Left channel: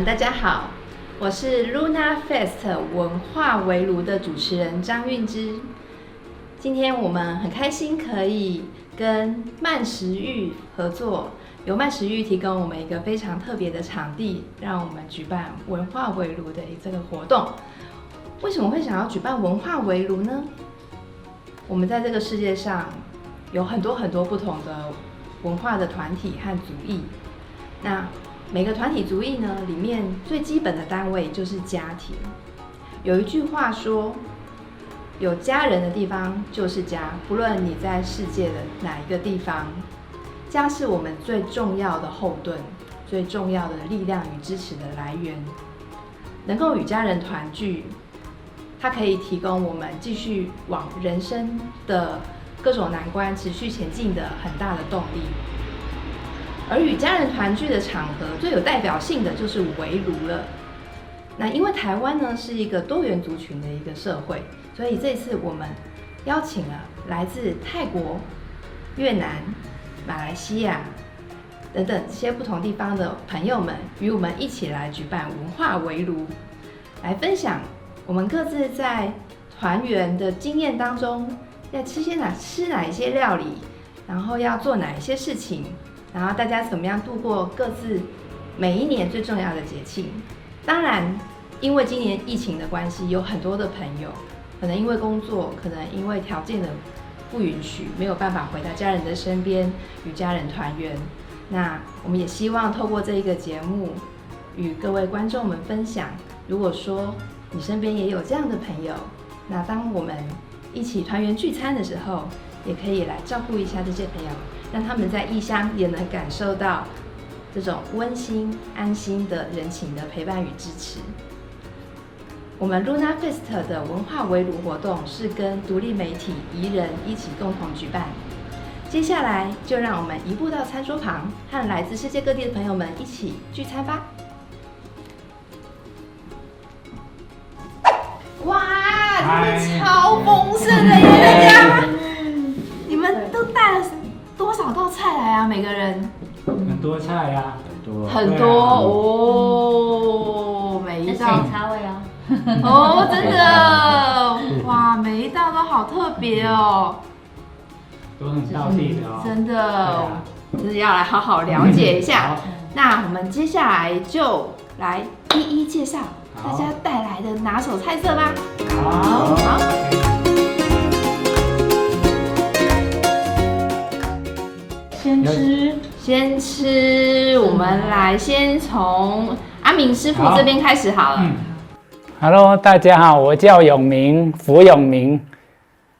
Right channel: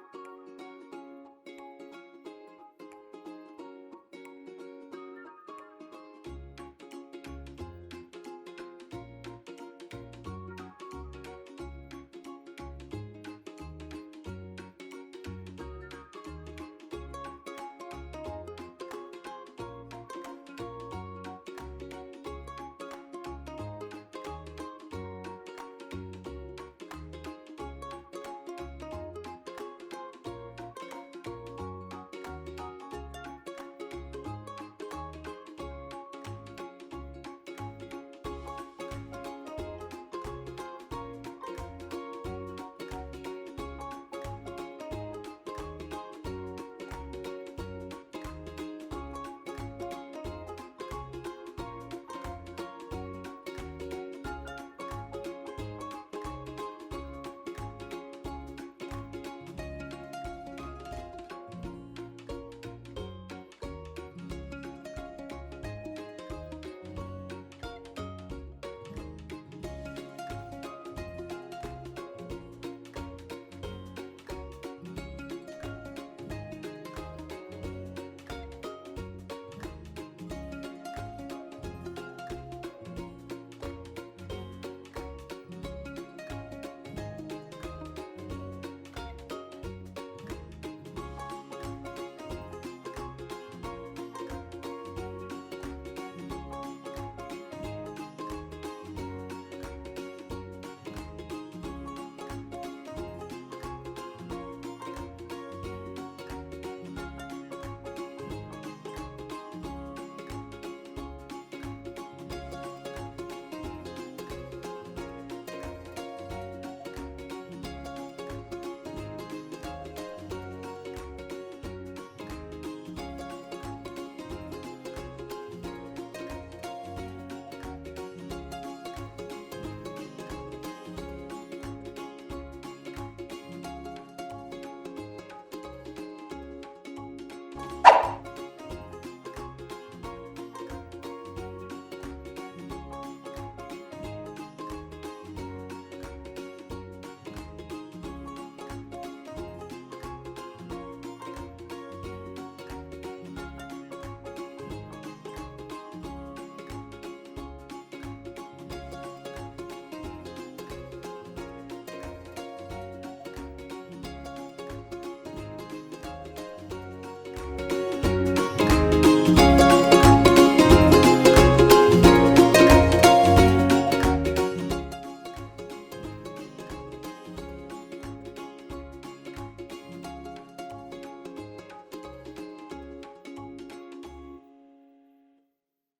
们，大家好，我是 Luna Fest 文化围炉的主持人张韵之。今天我们很开心可以跟慢食玉合作，由慢食玉提供我们一个非常特别的场地，让我们举办文化围炉的这个活动。为什么会想要举办文化围炉呢？我们在这个世界上有很多不同的文化的团体和族裔，那每个团体族裔呢，里面最基本的单位就是家庭。有一句话说，有家人的地方就是家，不论你在世界的哪一个地方，家是我们最重要的后盾，最重要的力量与支持的来源。能够与家人团聚，它可以提供我们继续往人生的各种难关持续前进的很大的动力。而与家人团聚的场合，最有代表性的就是围炉了。那因为台湾呢是一个多元族群的一个社会，所以这次我们邀请了来自泰国、越南、马来西亚等等这些不同地方的朋友们，与我们一起来举办文化围炉，来分享我们各自在团圆的经验当中，要吃哪一些料理，然后要做哪一些事情。然后大家怎么样度过各自每一年最重要的节庆？当然，因为今年疫情的关系，有很多的朋友可能因为工作，可能因为条件的不允许，没有办法回到家人的身边与家人团圆。那我们也希望透过这一个节目，与各位观众们分享，如果说你身边也有这样的朋友，那当我们一起团圆聚餐的时候，也可以来照顾一下这些朋友，让他们在异乡也能感受到这种温馨安心的人情的陪伴与支持。我们 Luna Fest 的文化围炉活动是跟独立媒体宜人一起共同举办。接下来就让我们移步到餐桌旁，和来自世界各地的朋友们一起聚餐吧。哇，你们超丰盛的耶，大家！你们都带了多少道菜来啊？每个人？很多菜啊，很多哦，每一道差味哦。哦，真的，哇，每一道都好特别哦，都很道地的哦。真的，就是要来好好了解一下。那我们接下来就来一一介绍大家带来的拿手菜色吧。先吃，我们来先从阿明师傅这边开始好了。Hello， 大家好，我叫永明，胡永明，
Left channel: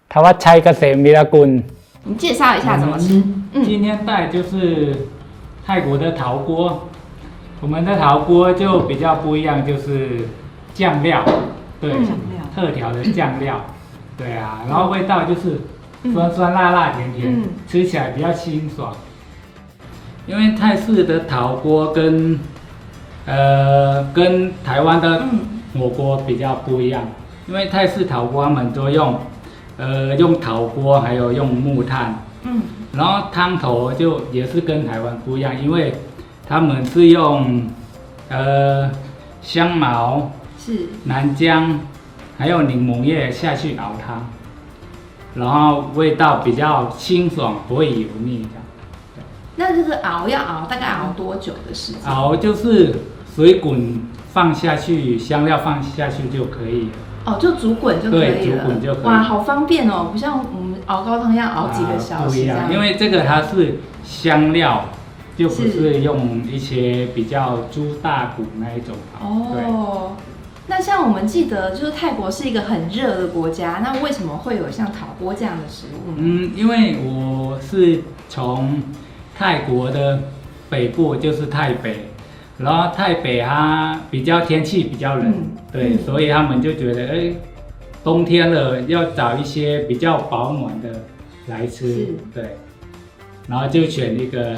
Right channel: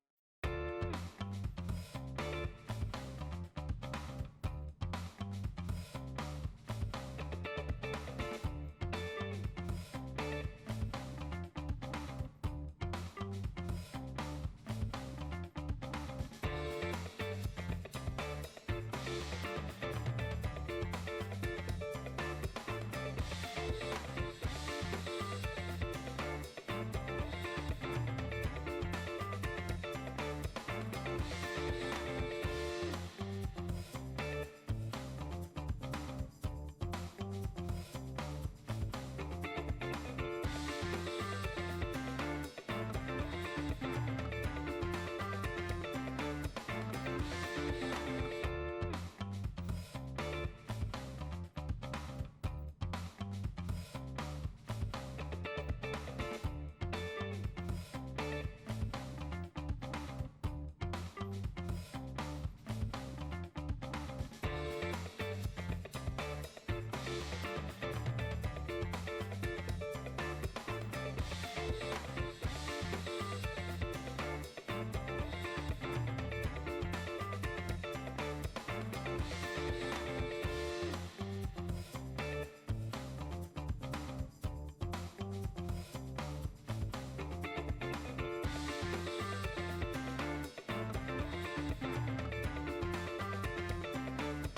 台湾菜个谁米拉棍。你介绍一下怎么吃？今天带就是泰国的陶锅，我们的陶锅就比较不一样，就是酱料，对，特调的酱料，对啊，然后味道就是酸酸辣辣甜甜，吃起来比较清爽。因为泰式的陶锅跟台湾的火锅比较不一样，因为泰式陶锅他们都用陶锅，还有用木炭，然后汤头就也是跟台湾不一样，因为他们是用香茅、南姜还有柠檬叶下去熬汤，然后味道比较清爽，不会油腻。那这个要熬大概熬多久的时间？熬就是水滚放下去，香料放下去就可以。哦，就煮滚就可以了。对，煮滚就可以。哇，好方便哦，不像我们熬高汤要熬几个小时这样。因为这个它是香料，就不是用一些比较猪大骨那一种。哦。那像我们记得，就是泰国是一个很热的国家，那为什么会有像陶锅这样的食物？因为我是从泰国的北部，就是泰北，然后泰北它比较天气比较冷，对，所以他们就觉得，冬天了要找一些比较保暖的来吃，对，然后就选一个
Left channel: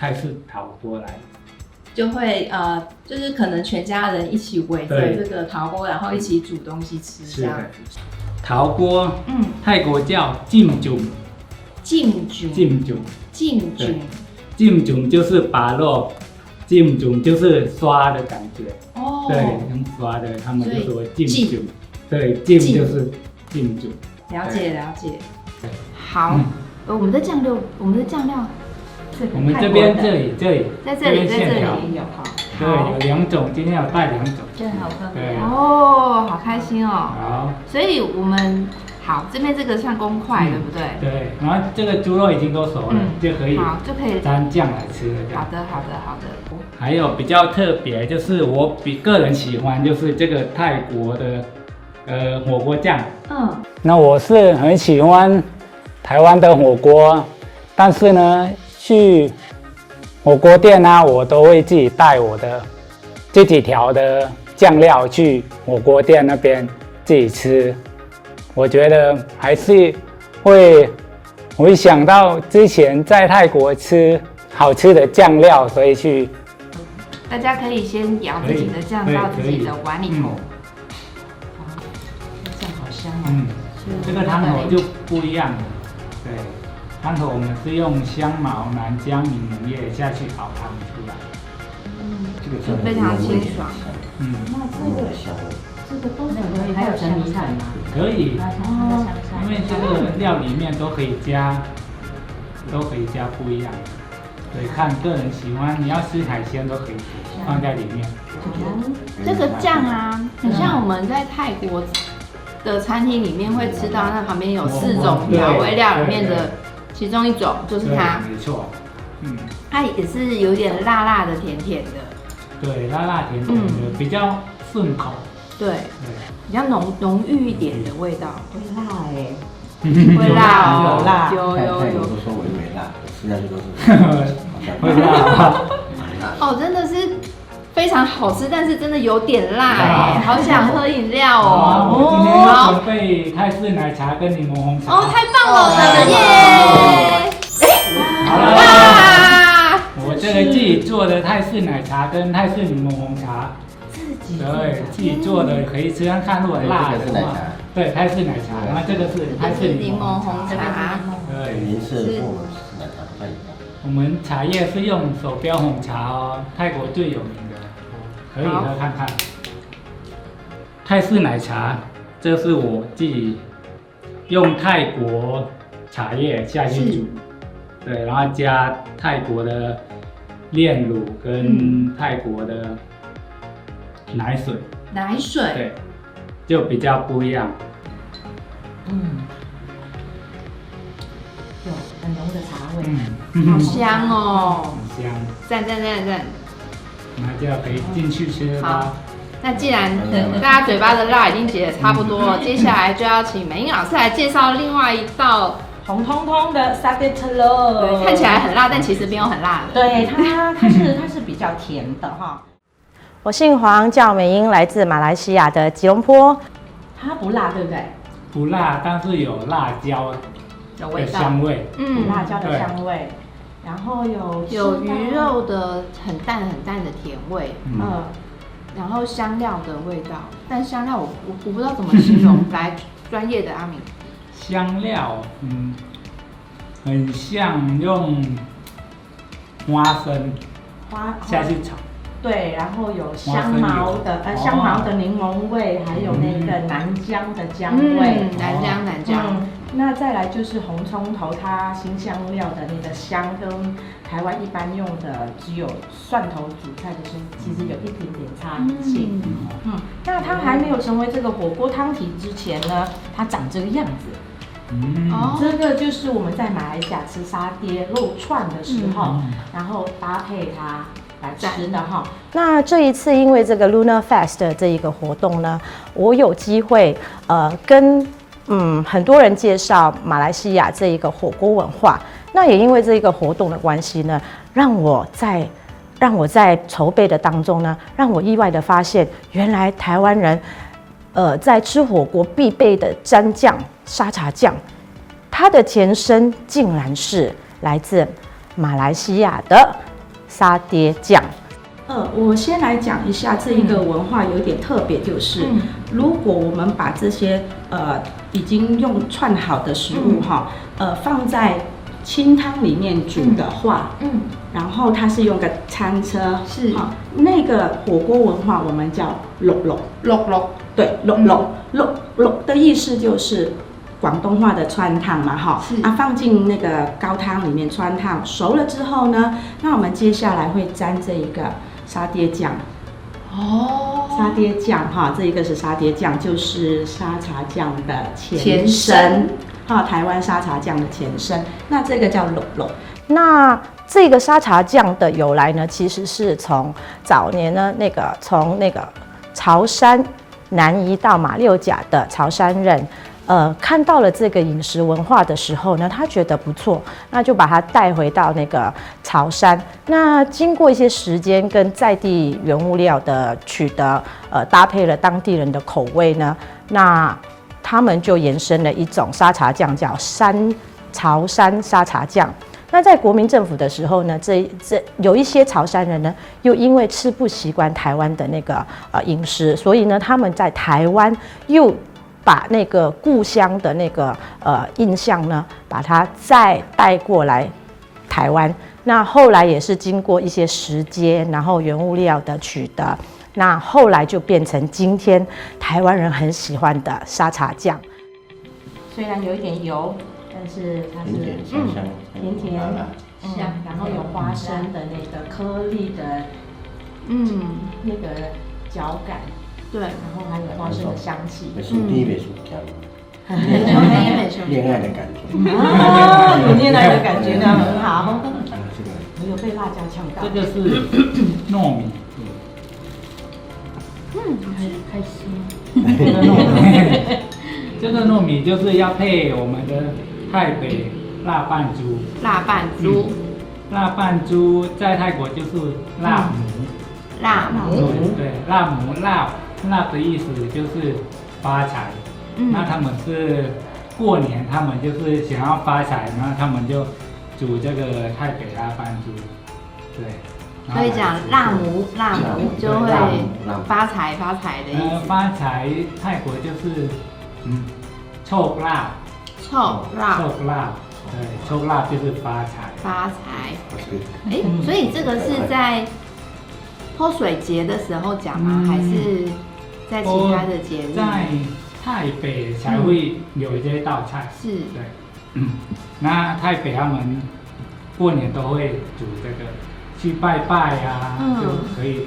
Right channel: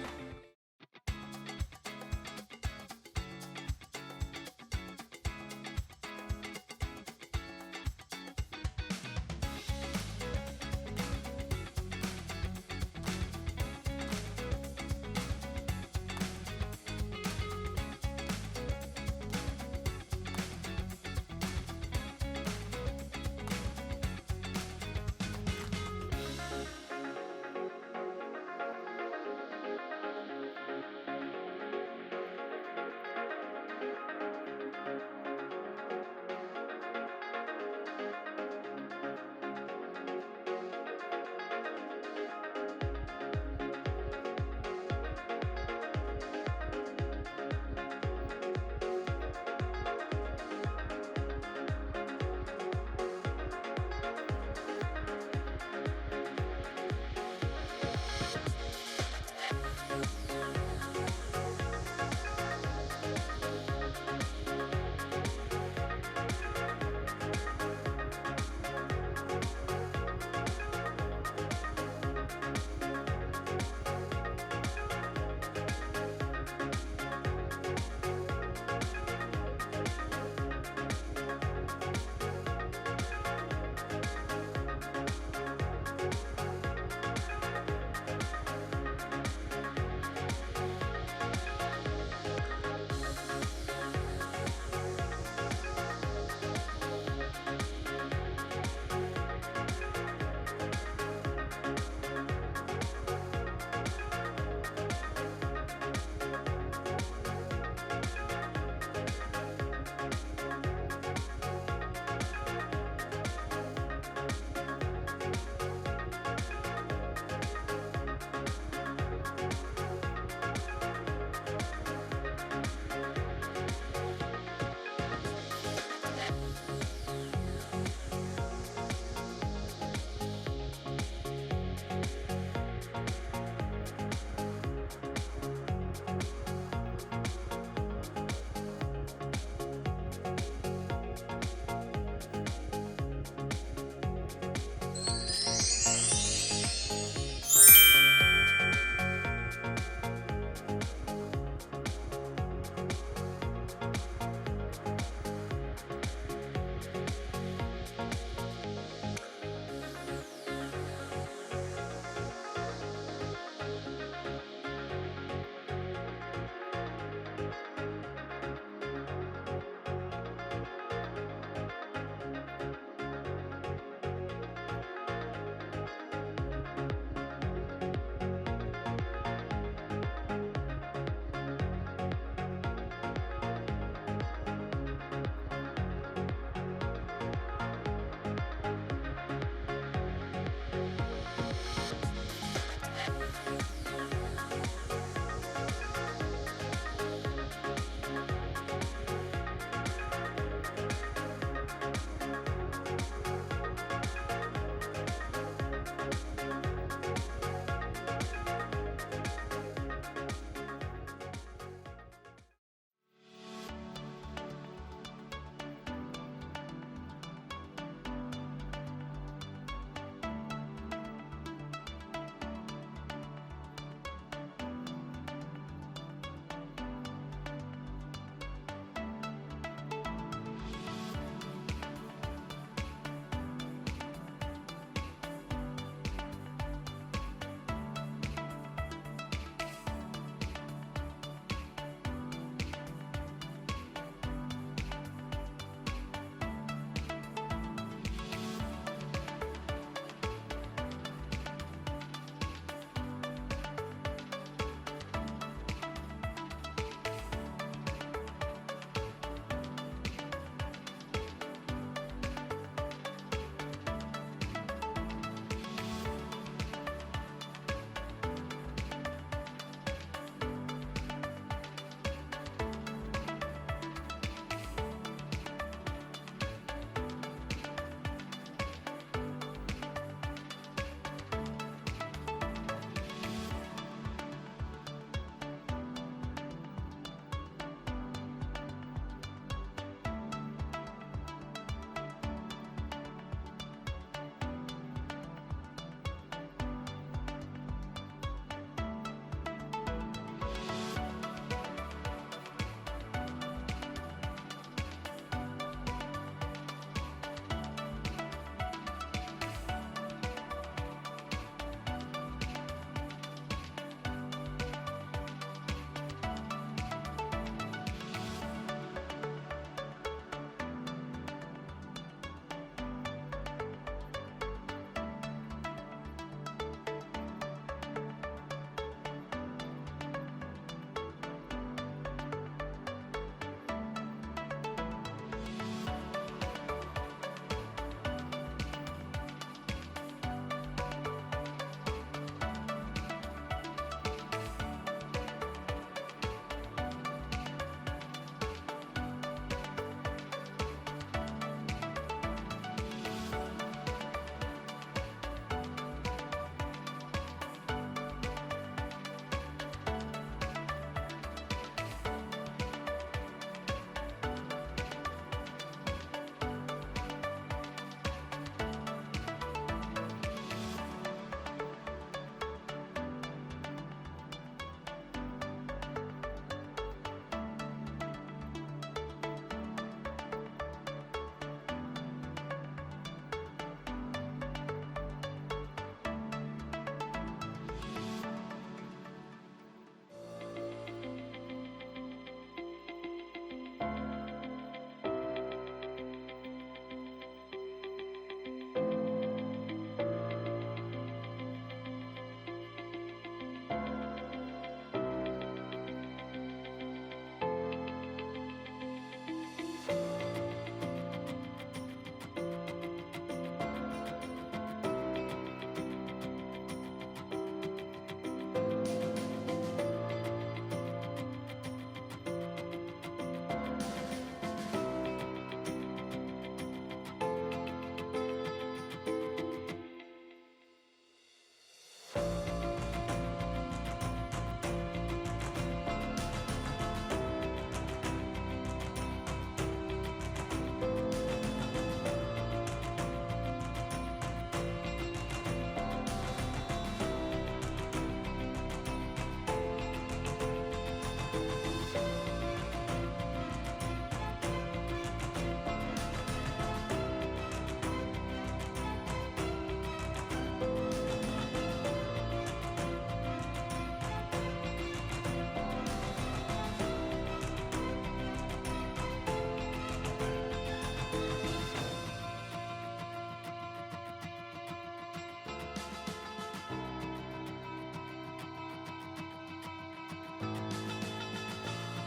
泰式陶锅来，就会就是可能全家人一起围着这个陶锅，然后一起煮东西吃，这样。陶锅，泰国叫浸煮。浸煮就是把肉浸煮就是刷的感觉，哦，对，用刷的，他们就说浸浸煮，对，浸就是浸煮。了解了解。好，我们的酱料，我们这边这里在这里线条也有哈。对，有2种，今天有带2种。真好喝。对。哦，好开心哦。好。所以我们好这边这个算公筷，对不对？对，然后这个猪肉已经都熟了，就可以沾酱来吃了。好的。还有比较特别，就是我个人喜欢，就是这个泰国的火锅酱。那我是很喜欢台湾的火锅，但是呢，去火锅店啊，我都会自己带我的自己调的酱料去火锅店那边自己吃。我觉得还是会想到之前在泰国吃好吃的酱料，所以去。大家可以先舀自己的酱到自己的碗里头。酱好香哦。这个汤头就不一样了。对，汤头我们是用香茅、南姜、柠檬叶下去熬汤出来。这个非常清爽。这个都可以，还有整米菜吗？可以，因为这个料里面都可以加不一样。对，看个人喜欢，你要吃海鲜都可以放在里面。这个酱啊，很像我们在泰国的餐厅里面会吃到，那旁边有4种调味料里面的其中一种就是它。没错。它也是有点辣辣的、甜甜的。对，辣辣甜甜的，比较顺口。对，比较浓郁一点的味道。会辣会辣哦，有辣，有。都说微微辣，实际上都是会辣。哦，真的是非常好吃，但是真的有点辣哎，好想喝饮料哦。我今天要准备泰式奶茶跟柠檬红茶。哦，太棒了，耶！好了，我这个自己做的泰式奶茶跟泰式柠檬红茶。对，自己做的可以吃看看，如果辣的话，对，泰式奶茶，然后这个是泰式柠檬红茶，对，您是我们茶叶是用手标红茶哦，泰国最有名的，可以喝看看。泰式奶茶，这是我自己用泰国茶叶下去煮，对，然后加泰国的炼乳跟泰国的奶水，对，就比较不一样。有很浓的茶味，好香哦，很香，赞！那就可以进去吃了吧。那既然大家嘴巴的辣已经解得差不多了，接下来就要请美英老师来介绍另外一道红彤彤的沙爹特喽。对，看起来很辣，但其实没有很辣的。对，它是比较甜的哈。我姓黄，叫美英，来自马来西亚的吉隆坡。它不辣，对不对？不辣，但是有辣椒的香味。辣椒的香味。然后有鱼肉的很淡的甜味。然后香料的味道，但香料我不知道怎么形容，来专业的阿明。香料，很像用花生下去炒。对，然后有香茅的柠檬味，还有那个南姜的姜味，南姜。那再来就是红葱头，它新香料的那个香，跟台湾一般用的只有蒜头煮菜的时候，其实有一点点差异。那它还没有成为这个火锅汤底之前呢，它长这个样子。这个就是我们在马来西亚吃沙爹肉串的时候，然后搭配它来吃的哈。那这一次因为这个 Lunar Fest 的这一个活动呢，我有机会跟很多人介绍马来西亚这一个火锅文化。那也因为这一个活动的关系呢，让我在筹备的当中呢，让我意外的发现，原来台湾人在吃火锅必备的蘸酱沙茶酱，它的前身竟然是来自马来西亚的沙爹酱。我先来讲一下这一个文化有点特别，就是如果我们把这些已经用串好的食物放在清汤里面煮的话，然后它是用个餐车，是那个火锅文化我们叫淥淥，对，淥的意思就是广东话的川烫嘛，放进那个高汤里面川烫，熟了之后呢，那我们接下来会沾这一个沙爹酱。沙爹酱这一个是沙爹酱，就是沙茶酱的前身，台湾沙茶酱的前身。那这个叫淥淥。那这个沙茶酱的由来呢，其实是从早年呢从潮汕南移到马六甲的潮汕人。看到了这个饮食文化的时候呢，他觉得不错，那就把它带回到那个潮汕。那经过一些时间跟在地原物料的取得，搭配了当地人的口味呢，那他们就延伸了一种沙茶酱，叫潮汕沙茶酱。那在国民政府的时候呢，有一些潮汕人呢，又因为吃不习惯台湾的那个饮食，所以呢，他们在台湾又把那个故乡的那个印象呢，把它再带过来台湾。那后来也是经过一些时间，然后原物料的取得，那后来就变成今天台湾人很喜欢的沙茶酱。虽然有一点油，但是它是甜甜香，然后有花生的那个颗粒的那个嚼感。对，然后还有花生的香气。恋爱的感觉。有恋爱的感觉，那很好。你有被辣椒呛到？这个是糯米。开心。这个糯米就是要配我们的泰北辣拌猪。辣拌猪。辣拌猪在泰国就是辣母。对，辣母辣的意思就是发财。那他们是过年，他们就是想要发财，那他们就煮这个泰北辣拌猪。对。所以讲辣母就会发财的意思。发财泰国就是โชคลาภ。โชคลาภ。对，โชคลาภ就是发财。发财。所以这个是在泼水节的时候讲吗？还是在其他的节日？在泰北才会有这道菜。是。对。那泰北他们过年都会煮这个，去拜拜啊，就可以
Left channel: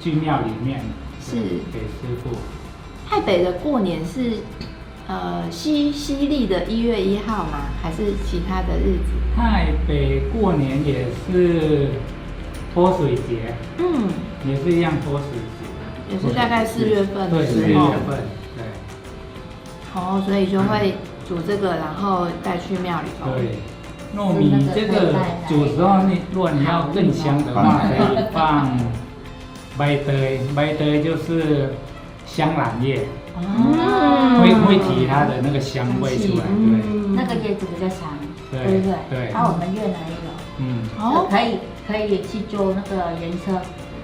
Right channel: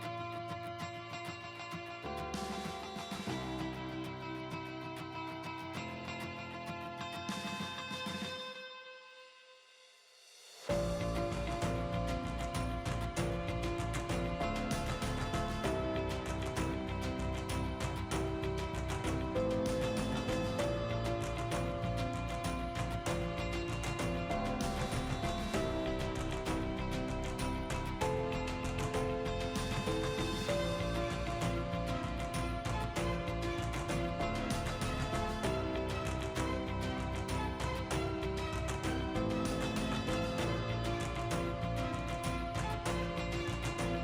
去庙里面是给师傅。泰北的过年是西历的1月1号吗？还是其他的日子？泰北过年也是泼水节，也是一样泼水节，也是大概4月份的时候。对，4月份，对。所以就会煮这个，然后带去庙里头。对，糯米这个煮时候，如果你要更香的话，可以放白堆就是香兰叶，会提它的那个香味出来。对，那个叶子比较长，对不对？对。然后我们越南有，可以去做那个颜色，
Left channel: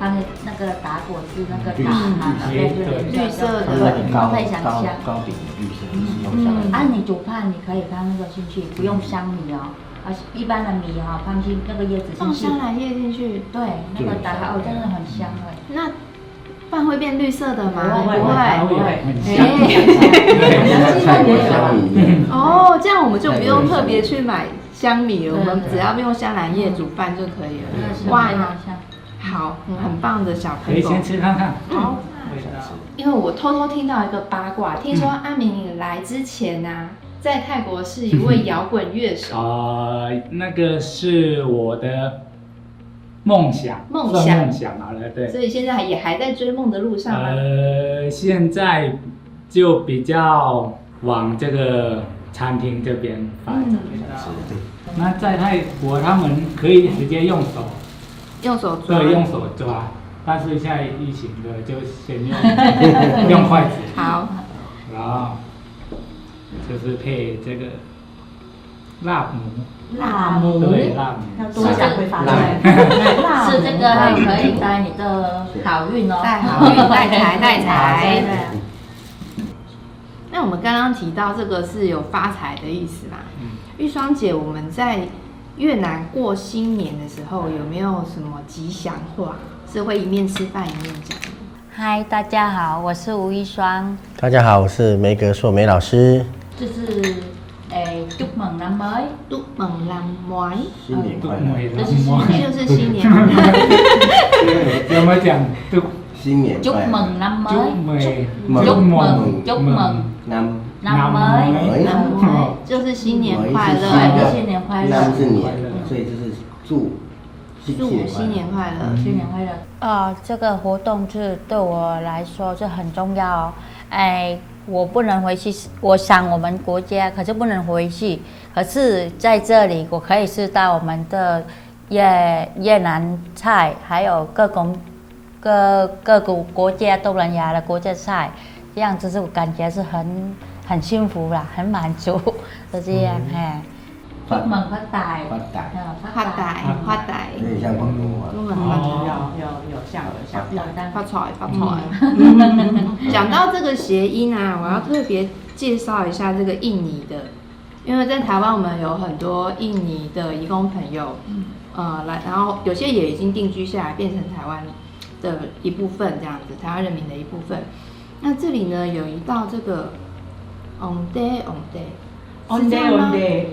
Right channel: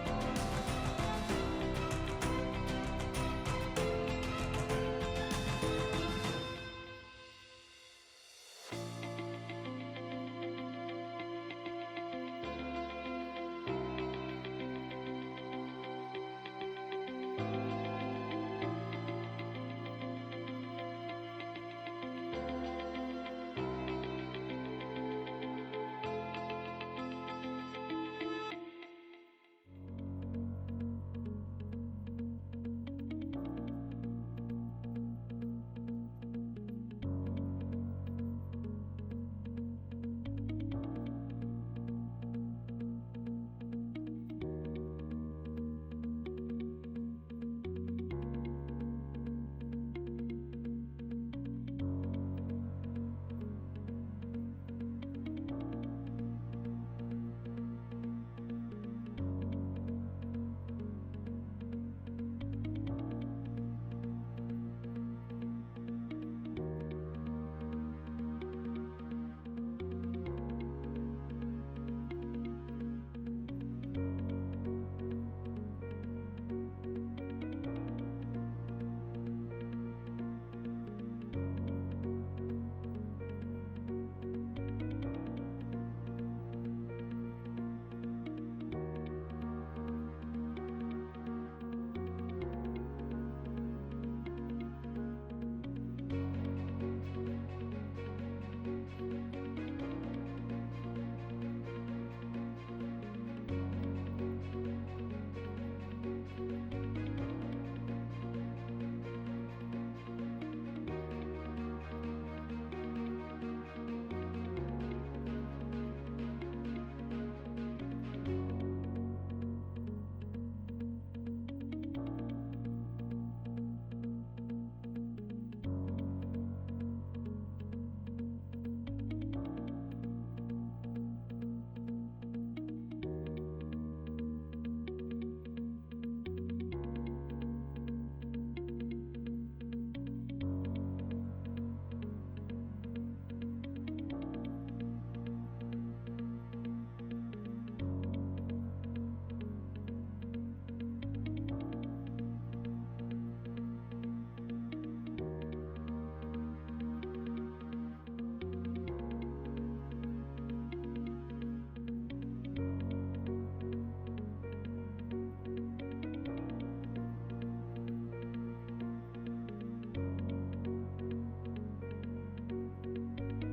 它那个打果是那个绿色的，都可以想象。糕饼绿色，你煮饭你可以放那个进去，不用香米哦。一般的米放进那个叶子进去，放香兰叶进去，对，那个打开真的很香味。那饭会变绿色的吗？不会，很香。这样我们就不用特别去买香米了，我们只要用香兰叶煮饭就可以了。哇，好，很棒的小朋友。可以先吃看看。好。因为我偷偷听到一个八卦，听说阿明你来之前啊，在泰国是一位摇滚乐手。那个是我的梦想好了，对。所以现在也还在追梦的路上吗？现在就比较往这个餐厅这边发展。那在泰国他们可以直接用手抓。对，用手抓。但是现在疫情的就先用筷子。好。然后就是配这个辣母。辣母。对，辣母。要多讲会发财。是这个可以带你的好运哦。带好运，带财。那我们刚刚提到这个是有发财的意思嘛？玉霜姐，我们在越南过新年的时候有没有什么吉祥话是会一面吃饭一面讲？嗨，大家好，我是吴一双。大家好，我是梅格硕梅老师。就是chúc mừng năm mới。Chúc mừng năm mới。新年快乐。就是新年快乐。怎么讲？新年快乐。 chúc mừng năm mới。 chúc mừng năm mới。 就是新年快乐。新年快乐。năm是年，所以就是祝新年快乐。新年快乐。这个活动是对我来说是很重要哦。我不能回去，我想我们国家可是不能回去，可是在这里我可以吃到我们的越南菜，还有各个国家东南亚的国家菜，这样子是我感觉是很幸福啦，很满足，就这样chúc mừng phát tài。 发财。有点像广东话。有像发财。讲到这个谐音啊，我要特别介绍一下这个印尼的，因为在台湾我们有很多印尼的移工朋友，来，然后有些也已经定居下来，变成台湾的一部分，这样子，台湾人民的一部分。那这里呢有一道这个 onde on day on day，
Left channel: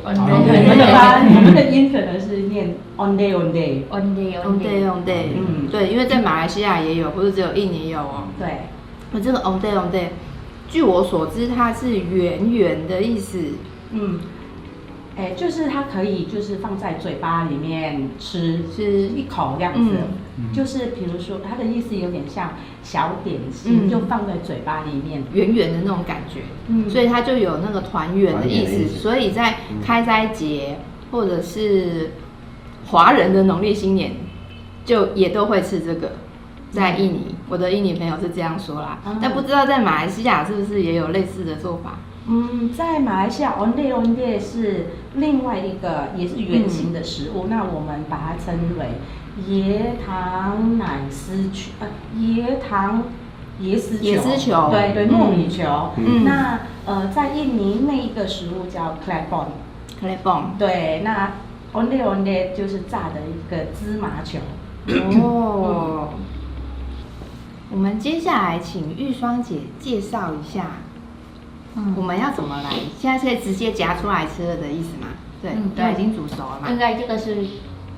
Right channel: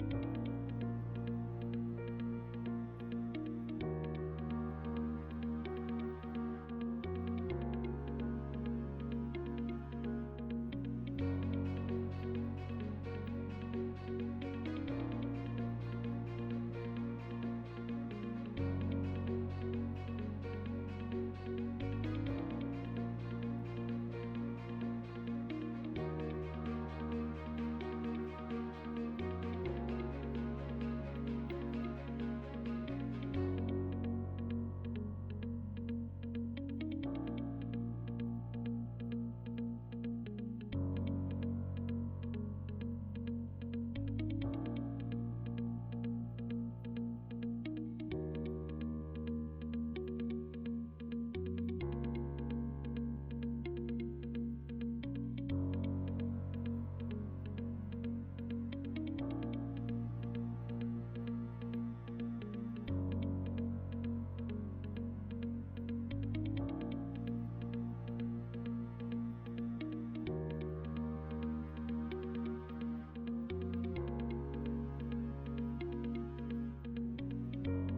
你们的音可能是念 on day on day。对，因为在马来西亚也有，不是只有印尼有哦。对，那这个 on day， 据我所知，它是圆圆的意思。就是它可以就是放在嘴巴里面吃一口这样子。就是比如说它的意思有点像小点心，就放在嘴巴里面，圆圆的那种感觉。所以它就有那个团圆的意思。所以在开斋节或者是华人的农历新年，就也都会吃这个。在印尼，我的印尼朋友是这样说啦，但不知道在马来西亚是不是也有类似的做法？在马来西亚 onde onde 是另外一个也是圆形的食物，那我们把它称为椰糖奶丝球，椰丝球，对，糯米球。那在印尼那一个食物叫 klepon， 对，那 onde onde 就是炸的一个芝麻球。我们接下来请玉霜姐介绍一下，我们要怎么来？现在是可以直接夹出来吃了的意思吗？对，都已经煮熟了嘛。应该这个是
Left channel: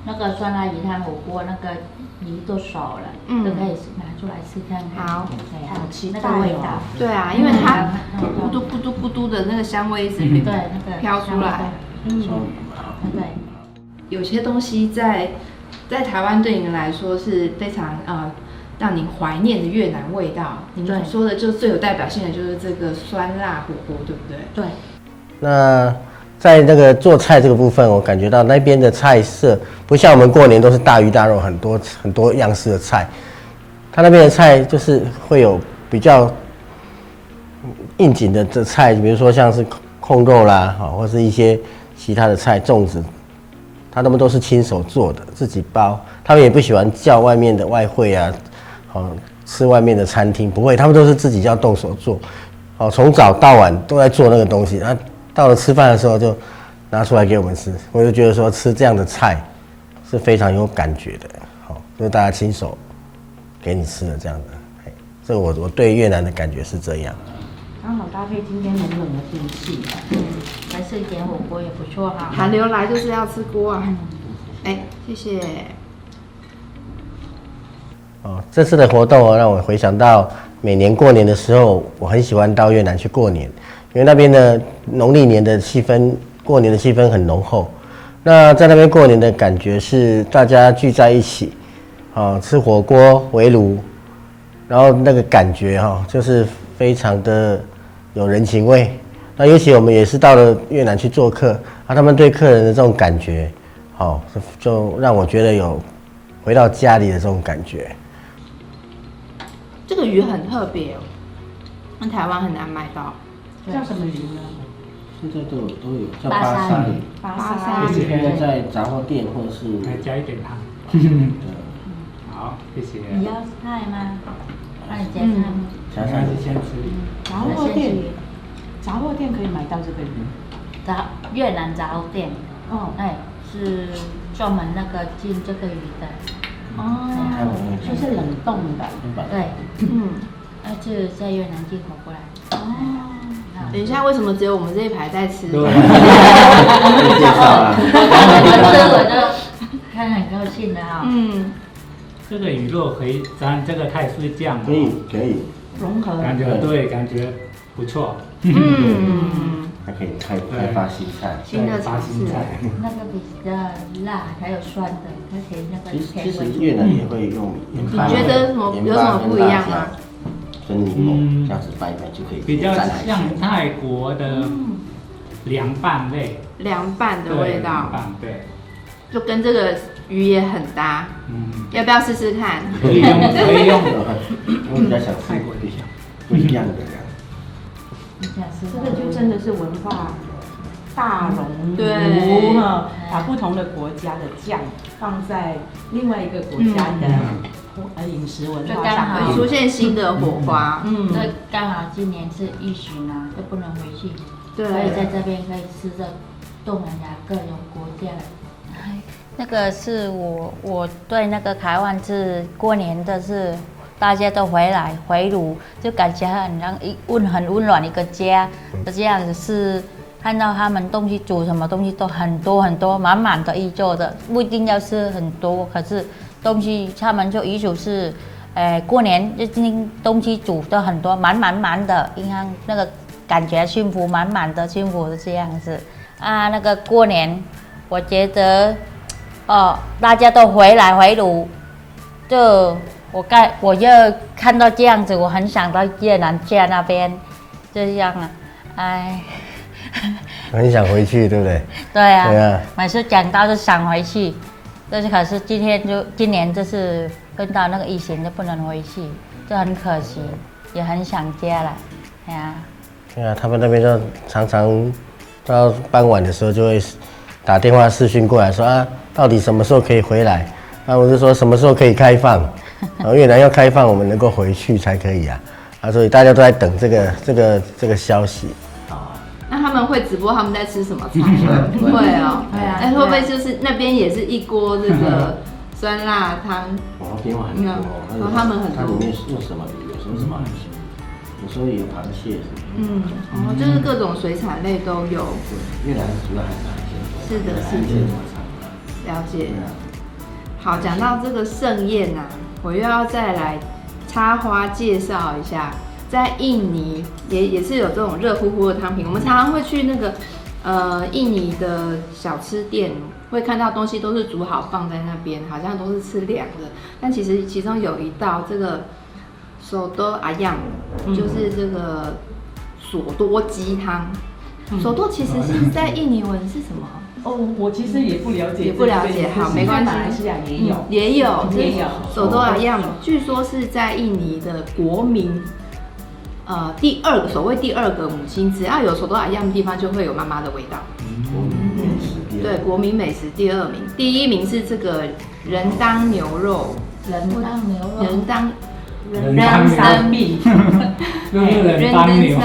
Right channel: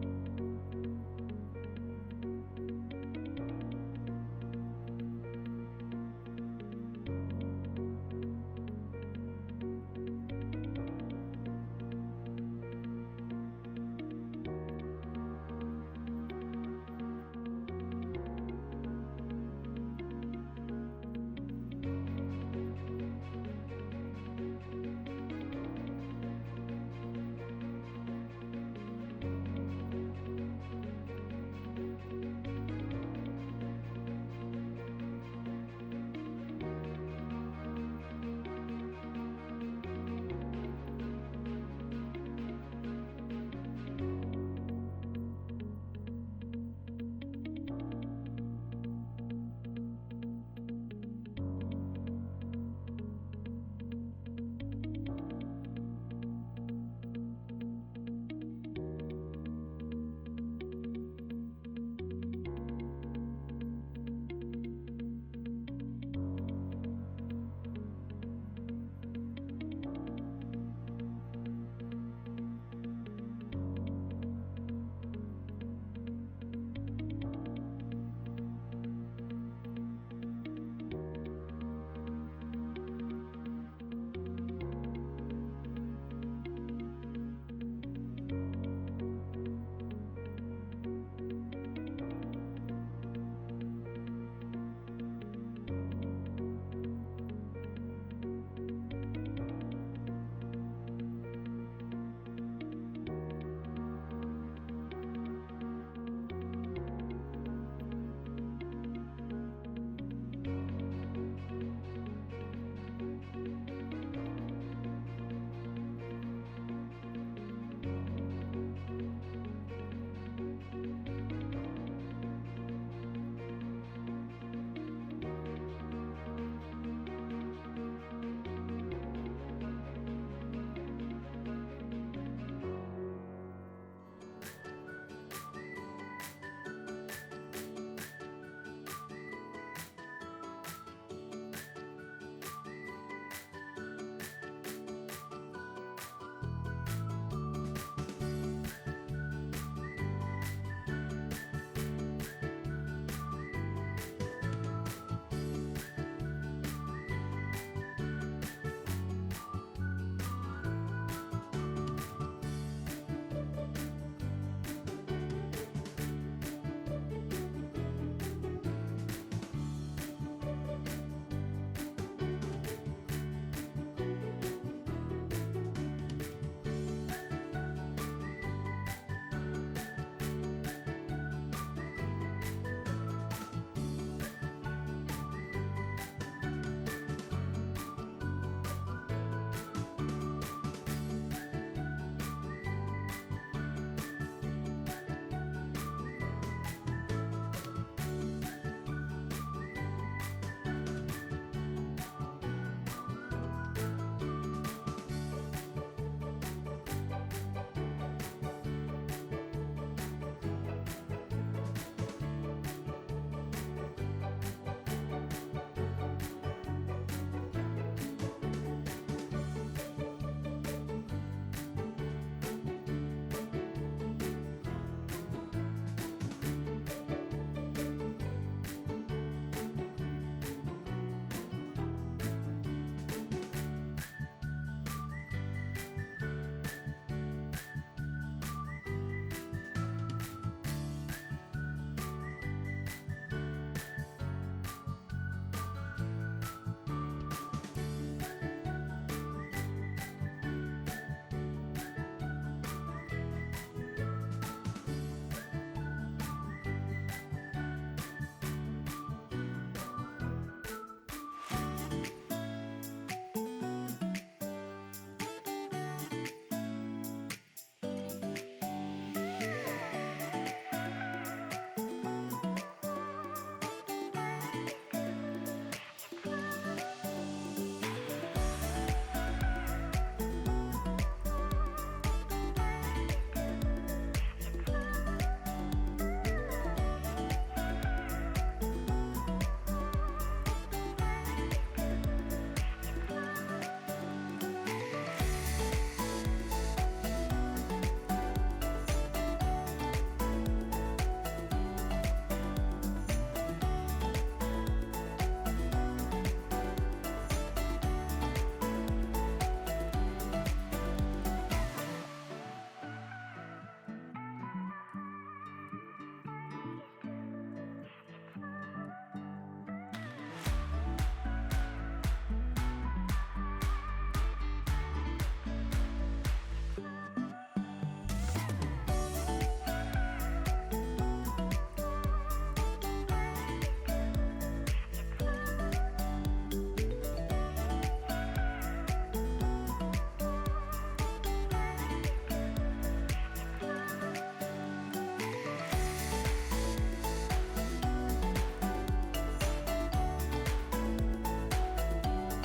那个酸辣鱼汤火锅，那个鱼都熟了，都可以拿出来吃看看。好，好期待那个味道。对啊，因为它咕嘟咕嘟咕嘟的那个香味一直飘出来。对。有些东西在台湾对您来说是非常让您怀念的越南味道。你们说的就最有代表性的就是这个酸辣火锅，对不对？对。那在那个做菜这个部分，我感觉到那边的菜色不像我们过年都是大鱼大肉，很多样式的菜。他那边的菜就是会有比较应景的菜，比如说像是控肉啦，或是一些其他的菜，粽子，他们都是亲手做的，自己包。他们也不喜欢叫外面的外汇啊，吃外面的餐厅，不会，他们都是自己要动手做。从早到晚都在做那个东西，到了吃饭的时候就拿出来给我们吃，我就觉得说吃这样的菜是非常有感觉的，就是大家亲手给你吃的这样的，这我对越南的感觉是这样。刚好搭配今天冷冷的天气，来吃一点火锅也不错哈。寒流来就是要吃锅啊！谢谢。这次的活动让我回想到每年过年的时候，我很喜欢到越南去过年。因为那边的农历年的气氛，过年的气氛很浓厚。那在那边过年的感觉是大家聚在一起，吃火锅围炉，然后那个感觉就是非常的有人情味。那尤其我们也是到了越南去做客，他们对客人的这种感觉，就让我觉得有回到家里的这种感觉。这个鱼很特别哦，在台湾很难买到。叫什么鱼呢？现在都有，叫巴沙鱼。巴沙鱼现在在杂货店或者是加一点糖。好，谢谢。你要菜吗？那你加菜吗？加上先吃。杂货店杂货店可以买到这个鱼？越南杂货店，哦是专门那个进这个鱼的。哦，就是冷冻的。对，是在越南进口过来。哦，等一下，为什么只有我们这一排在吃？对，介绍啊，我就看很高兴的哈。这个鱼肉可以沾这个泰式酱，可以，融合。感觉感觉不错。还可以开发新菜，新的尝试。那个比较辣，还有酸的，而且那个其实越南也会用盐巴，你觉得有什么不一样吗？跟柠檬这样子拌一拌就可以。比较像泰国的凉拌类，凉拌的味道，凉拌对，就跟这个鱼也很搭。要不要试试看？可以用，我比较想吃不一样的。这个就真的是文化大熔炉，对，把不同的国家的酱放在另外一个国家的饮食文化上，会出现新的火花。那刚好今年是疫情啊，都不能回去，对，所以在这边可以吃着东南亚各种国家。那个是我对那个台湾是过年的是。大家都回炉，就感觉很温暖一个家，就这样子是看到他们东西煮什么东西都很多，满满的一桌的，不一定要吃很多，可是东西他们就遗嘱是，过年就东西煮的很多，满的，银行那个感觉幸福满的幸福的这样子啊，那个过年我觉得大家都回炉，就。我就看到这样子，我很想到越南家那边，这样啊，很想回去，对不对？对啊，每次讲到就想回去，但是可是今年就是碰到那个疫情就不能回去，就很可惜，也很想家了，对啊，他们那边就常常到傍晚的时候就会打电话视讯过来说啊，到底什么时候可以回来？那我就说什么时候可以开放？然后越南要开放，我们能够回去才可以啊！所以大家都在等这个消息。那他们会直播他们在吃什么菜吗？会哦，会不会就是那边也是一锅这个酸辣汤？变化很多，他们很多。它里面用什么鱼？有什么？有时候有螃蟹。就是各种水产类都有。越南主要还是螃蟹。是的，了解。好，讲到这个盛宴啊，我又要再来插花介绍一下，在印尼也是有这种热乎乎的汤品。我们常常会去那个印尼的小吃店，会看到东西都是煮好放在那边，好像都是吃凉的。但其实其中有一道这个手多阿样，就是这个索多鸡汤。手多其实是在印尼文是什么？我其实也不了解，好，没关系，马来西亚也有手多阿样，据说是在印尼的国民，所谓第二个母亲，只要有手多阿样的地方，就会有妈妈的味道。对，国民美食第2名，第1名是这个人当牛肉，人当三币，人当牛，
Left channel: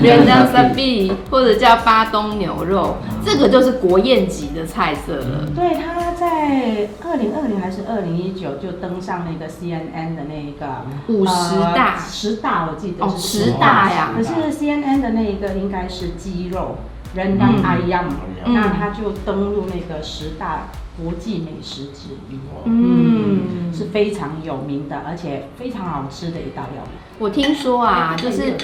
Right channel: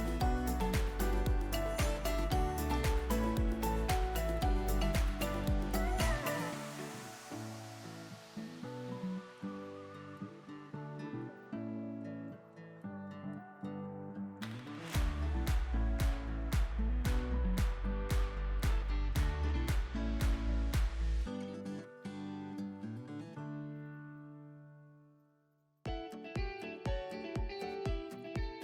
人当三币，或者叫巴东牛肉，这个就是国宴级的菜色了。对，他在2020还是2019就登上那个 CNN 的那个50大10大，我记得是10大呀。可是 CNN 的那个应该是鸡肉，人当阿样，那他就登入那个10大国际美食之一，是非常有名的，而且非常好吃的一道料理。我听说啊，就是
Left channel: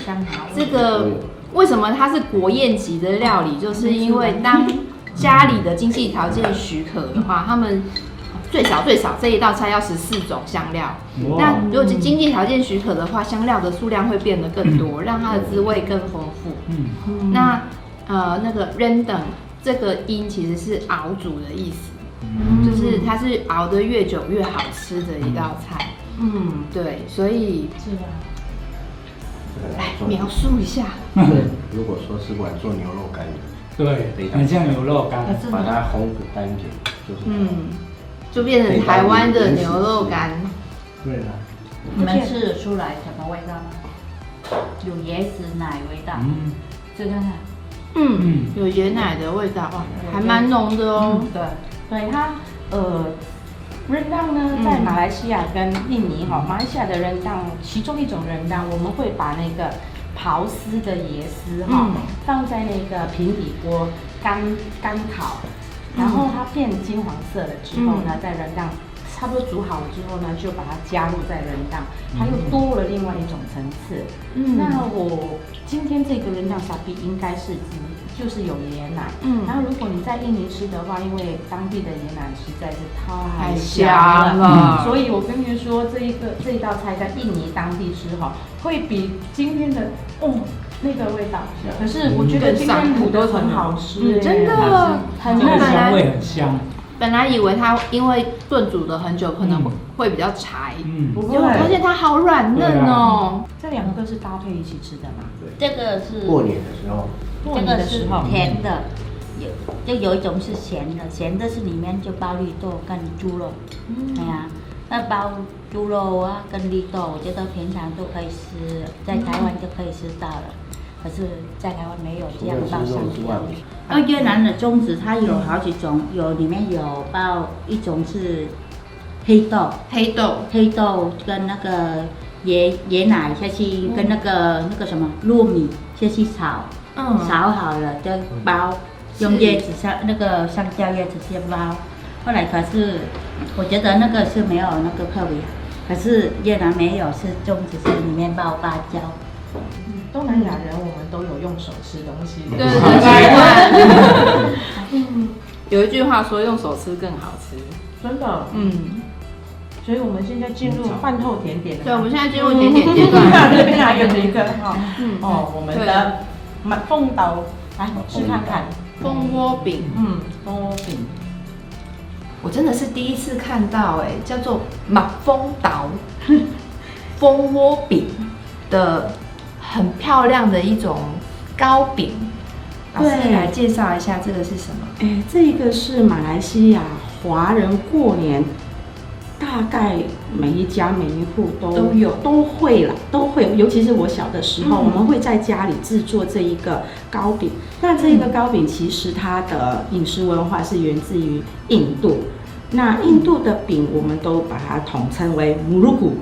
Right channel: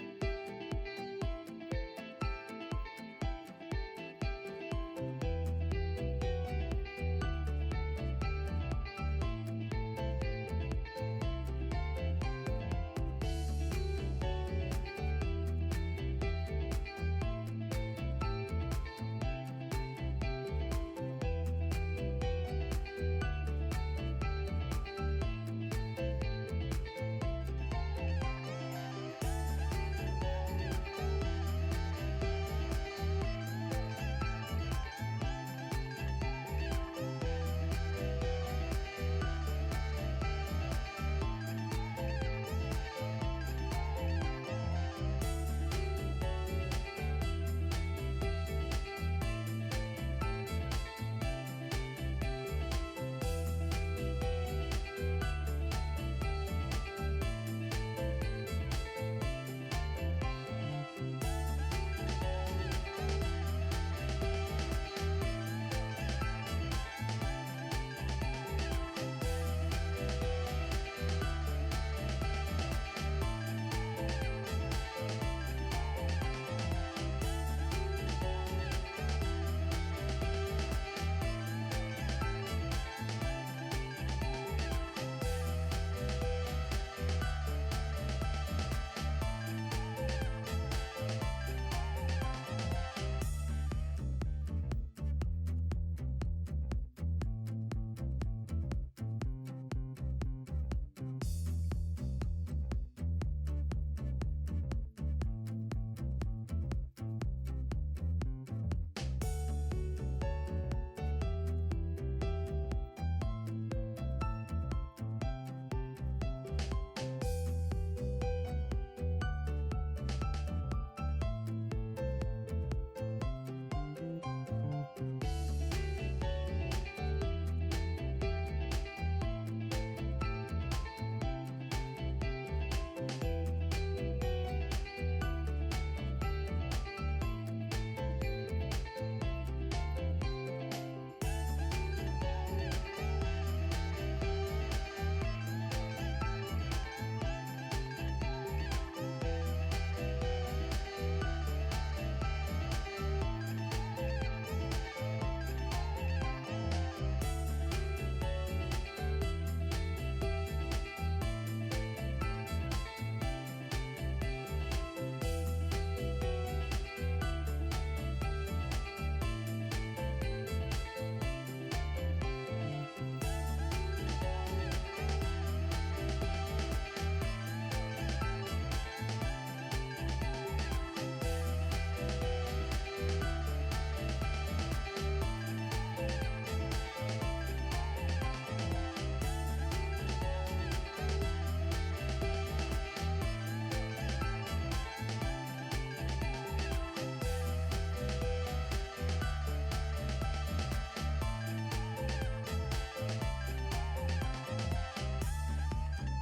这个为什么它是国宴级的料理，就是因为当家里的经济条件许可的话，他们最少这一道菜要14种香料。那如果经济条件许可的话，香料的数量会变得更多，让它的滋味更丰富。那那个 rendang 这个音其实是熬煮的意思。就是它是熬得越久越好吃的一道菜。对，所以来描述一下。如果说是玩做牛肉干，对，很像牛肉干，把它烘干一点，就变成台湾的牛肉干。对了，你们吃得出来什么味道吗？有椰子奶味道。这个呢？有椰奶的味道，哇，还蛮浓的哦。对它rendang呢，在马来西亚跟印尼马来西亚的rendang，其中一种rendang，我们会把那个刨丝的椰丝放在那个平底锅干烤，然后它变金黄色了之后呢，在rendang差不多煮好了之后呢，就把它加入在rendang，它又多了另外一种层次。那我今天这个rendang sapi应该是就是有椰奶，然后如果你在印尼吃的话，因为当地的椰奶实在是太香了，所以我跟你说，这一道菜在印尼当地吃会比今天的那个味道。可是我觉得今天卤的很好吃，真的很香味很香。本来以为它因为炖煮了很久，可能会比较柴，不会，结果发现它好软嫩哦。这两个是搭配一起吃的嘛？这个是过年的时候，这个是甜的，有一种是咸的，咸的是里面就包绿豆跟猪肉。哎呀，那包猪肉啊跟绿豆，我觉得平常都可以吃，在台湾就可以吃到了。可是，在台湾没有这样包上去。越南的粽子它有好几种，里面有包一种是黑豆跟那个椰奶下去，跟那个什么糯米下去炒，炒好了就包，用叶子那个香蕉叶子先包。后来可是我觉得那个是没有那个特别，可是越南没有，是粽子是里面包芭蕉。东南亚人我们都有用手吃东西，对，有一句话说用手吃更好吃，真的，所以我们现在进入饭后甜点，对，我们现在进入甜点阶段，这边还有一个我们的凤豆，来吃看看，蜂窝饼，蜂窝饼，我真的是第一次看到，叫做马蜂岛蜂窝饼的。很漂亮的一种糕饼，老师来介绍一下这个是什么？这个是马来西亚华人过年，大概每一家每一户都会，尤其是我小的时候，我们会在家里制作这一个糕饼。那这一个糕饼其实它的饮食文化是源自于印度。那印度的饼，我们都把它统称为母乳骨，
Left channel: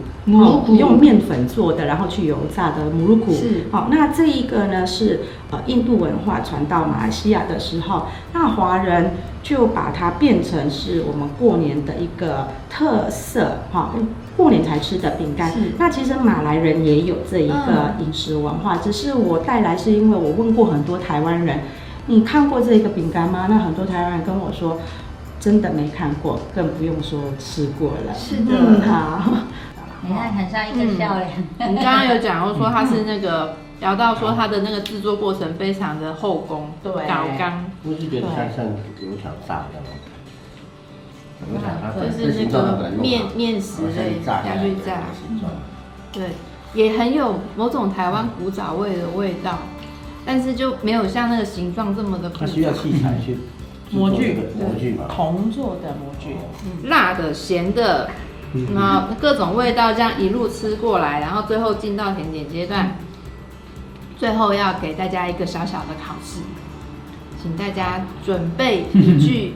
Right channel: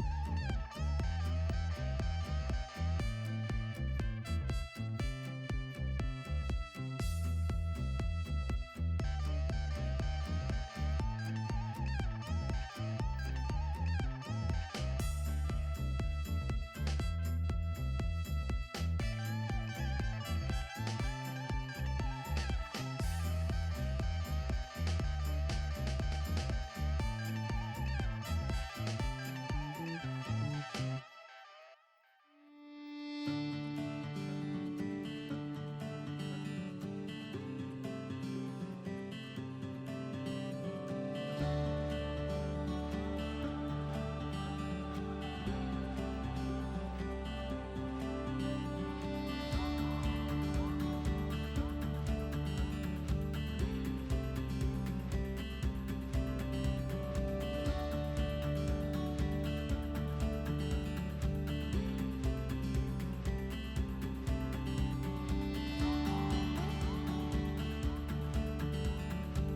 用面粉做的，然后去油炸的母乳骨。是。那这一个呢是印度文化传到马来西亚的时候，那华人就把它变成是我们过年的一个特色，过年才吃的饼干。那其实马来人也有这一个饮食文化，只是我带来是因为我问过很多台湾人，你看过这个饼干吗？那很多台湾人跟我说。真的没看过，更不用说吃过了。是的，好，你看很像一个笑脸。你刚刚有讲说它是那个聊到说它的那个制作过程非常的后工，对，搞刚，不是跟山上牛肠炸的吗？就是那个面食类下去炸，对，也很有某种台湾古早味的味道，但是就没有像那个形状这么的复杂。它需要器材去。模具嘛，铜做的模具，辣的、咸的，然后各种味道这样一路吃过来，然后最后进到甜点阶段，最后要给大家一个小小的考试，请大家准备一句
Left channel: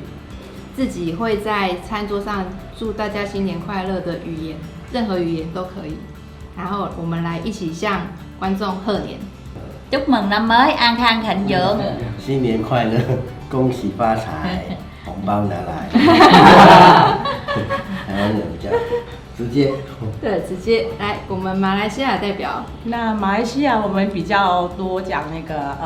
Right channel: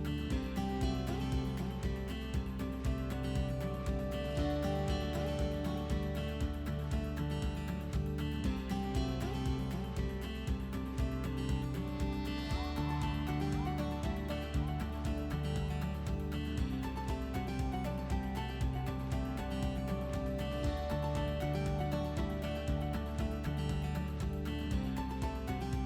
自己会在餐桌上祝大家新年快乐的语言，任何语言都可以，然後我們來一起向觀眾賀年。Chúc mừng năm mới an khang thịnh vượng. 新年快乐，恭喜发财，红包拿来。台湾人比较直接。对，直接来，我们马来西亚代表。那马来西亚我们比较多讲那个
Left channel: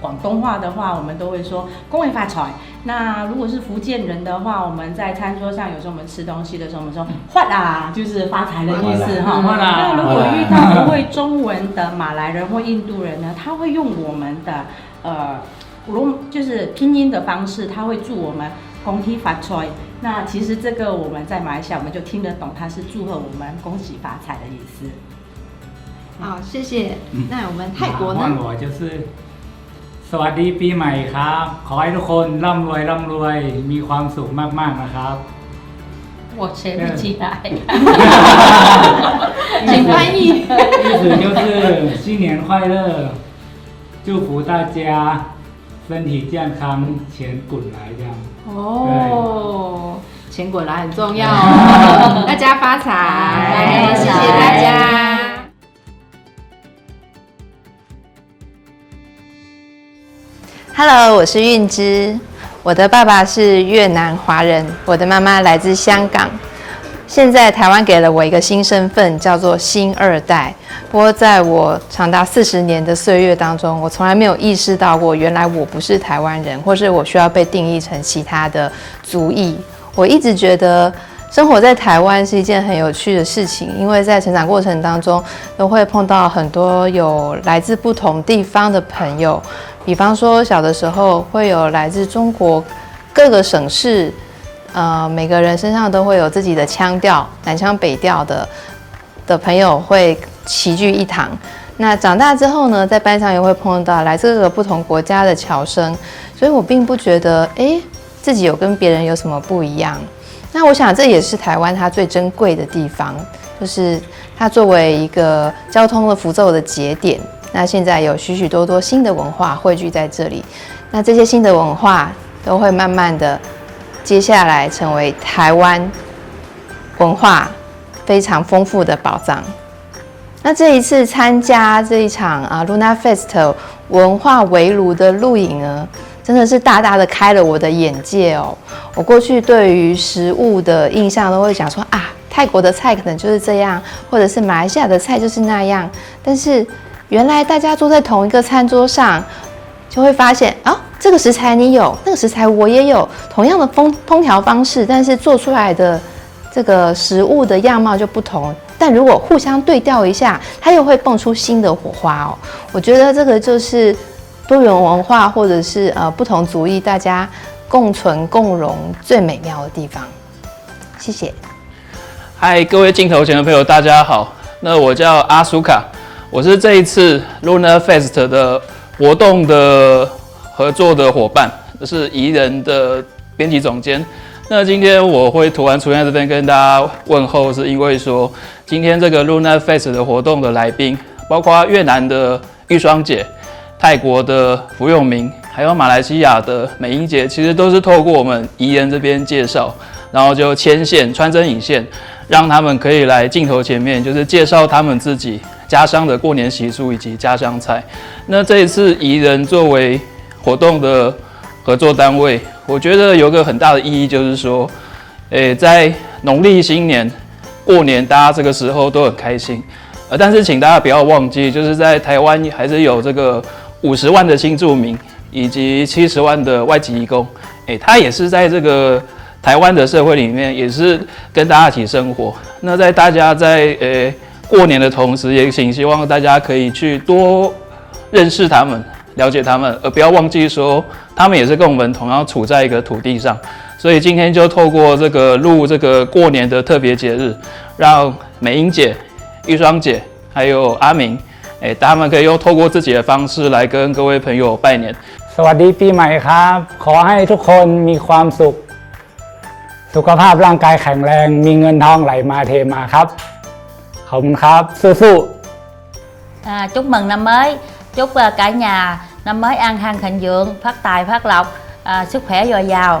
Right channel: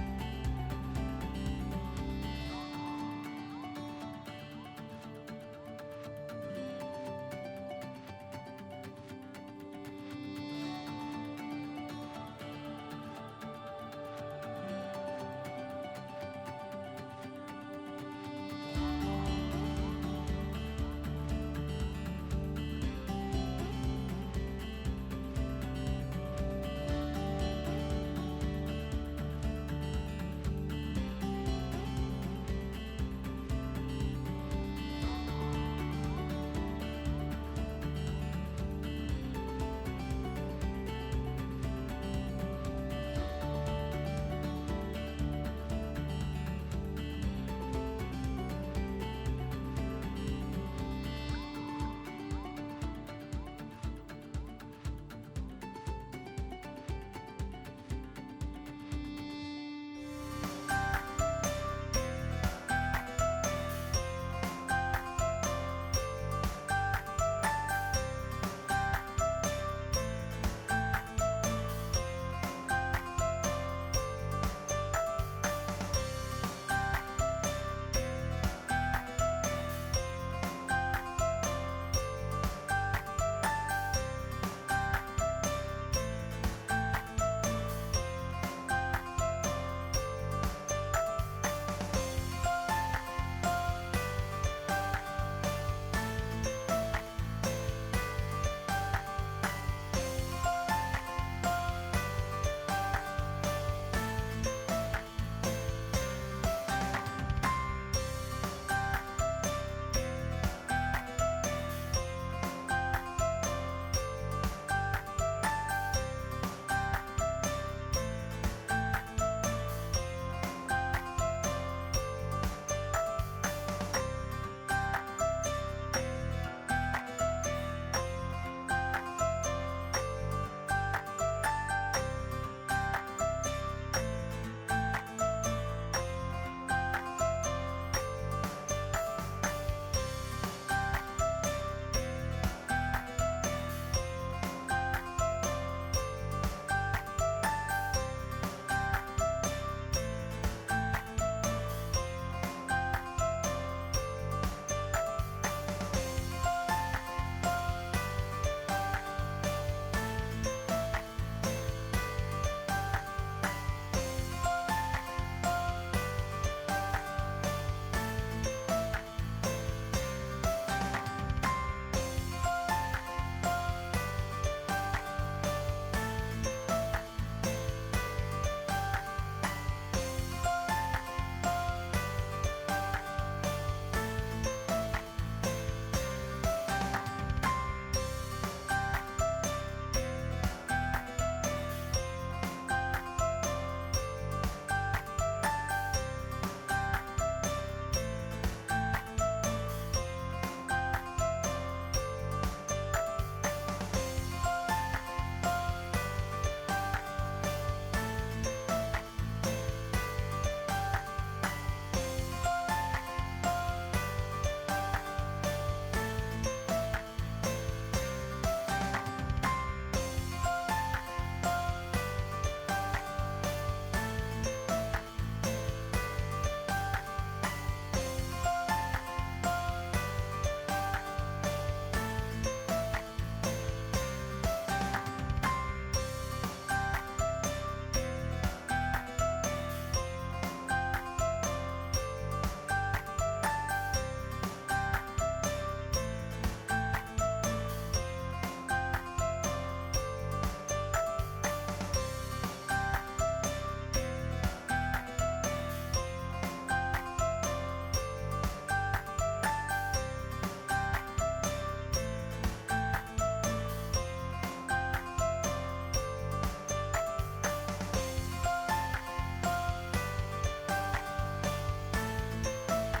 广东话的话，我们都会说恭喜发财。那如果是福建人的话，我们在餐桌上有时候我们吃东西的时候，我们说发啦，就是发财的意思哈。那如果遇到不会中文的马来人或印度人呢，他会用我们的就是拼音的方式，他会祝我们恭喜发财。那其实这个我们在马来西亚我们就听得懂，它是祝贺我们恭喜发财的意思。好，谢谢。那我们泰国呢？我就是สวัสดีปีใหม่ครับขอให้ทุกคนร่ำรวยมีความสุขมากๆนะครับ我我学不起来。请翻译。意思就是新年快乐，祝福大家身体健康，钱滚来这样。哦，钱滚来很重要哦，大家发财，谢谢大家。Hello， 我是韵之，我的爸爸是越南华人，我的妈妈来自香港。现在台湾给了我一个新身份，叫做新二代。不过在我长达40年的岁月当中，我从来没有意识到过，原来我不是台湾人，或是我需要被定义成其他的族裔。我一直觉得生活在台湾是一件很有趣的事情，因为在成长过程当中，都会碰到很多有来自不同地方的朋友。比方说，小的时候会有来自中国各个省市，每个人身上都会有自己的腔调，南腔北调的朋友会齐聚一堂。那长大之后呢，在班上也会碰到来自各个不同国家的侨生，所以我并不觉得，自己有跟别人有什么不一样。那我想这也是台湾它最珍贵的地方，就是它作为一个交通的符咒的节点。那现在有许许多多新的文化汇聚在这里，那这些新的文化都会慢慢的接下来成为台湾文化非常丰富的宝藏。那这一次参加这一场Luna Fest 文化围炉的露营呢，真的是大大的开了我的眼界哦。我过去对于食物的印象都会讲说泰国的菜可能就是这样，或者是马来西亚的菜就是那样，但是原来大家坐在同一个餐桌上，就会发现这个食材你有，那个食材我也有，同样的烹调方式，但是做出来的这个食物的样貌就不同。但如果互相对调一下，它又会蹦出新的火花哦。我觉得这个就是多元文化或者是不同族裔大家共存共荣最美妙的地方。谢谢。嗨，各位镜头前的朋友，大家好。那我叫阿苏卡。我是这一次 Luna Fest 的活动的合作的伙伴，是宜人的编辑总监。那今天我会突然出现在这边跟大家问候，是因为说今天这个 Luna Fest 的活动的来宾，包括越南的玉霜姐、泰国的福永明，还有马来西亚的美英姐，其实都是透过我们宜人这边介绍，然后就牵线穿针引线，让他们可以来镜头前面，就是介绍他们自己家乡的过年习俗以及家乡菜。那这一次宜人作为活动的合作单位，我觉得有个很大的意义，就是说，在农历新年过年，大家这个时候都很开心。但是请大家不要忘记，就是在台湾还是有这个50万的新住民，以及70万的外籍移工，他也是在这个台湾的社会里面，也是跟大家一起生活。那在大家在过年的同时，也希望大家可以去多认识他们，了解他们，而不要忘记说他们也是跟我们同样处在一个土地上。所以今天就透过这个录这个过年的特别节日，让美英姐、玉霜姐还有阿明，他们可以用透过自己的方式来跟各位朋友拜年。สวัสดีปีใหม่ครับขอให้ทุกคนมีความสุขสุขภาพร่างกายแข็งแรงมีเงินทองไหลมาเทมาครับขอบคุณครับสู้ๆ Chúc mừng năm mới, chúc cả nhà năm mới an khang thịnh vượng, phát tài phát lộc, sức khỏe dồi dào.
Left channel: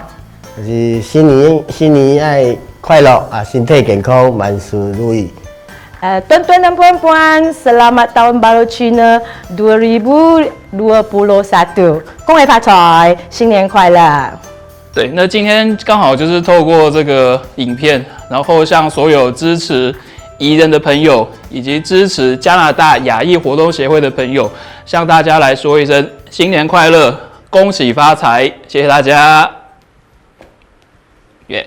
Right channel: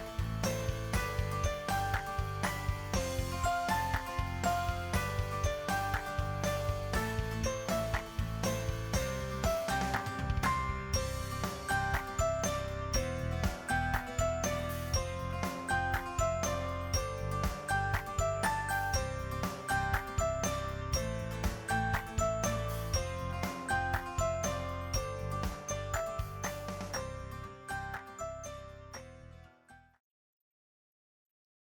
新年爱快乐身体健康，万事如意。Tuan-tuan dan puan-puan, selamat tahun baru Cina 2021. 恭喜发财，新年快乐！对，那今天刚好就是透过这个影片，然后向所有支持宜人的朋友，以及支持加拿大亚裔活动协会的朋友，向大家来说一声新年快乐，恭喜发财，谢谢大家。耶。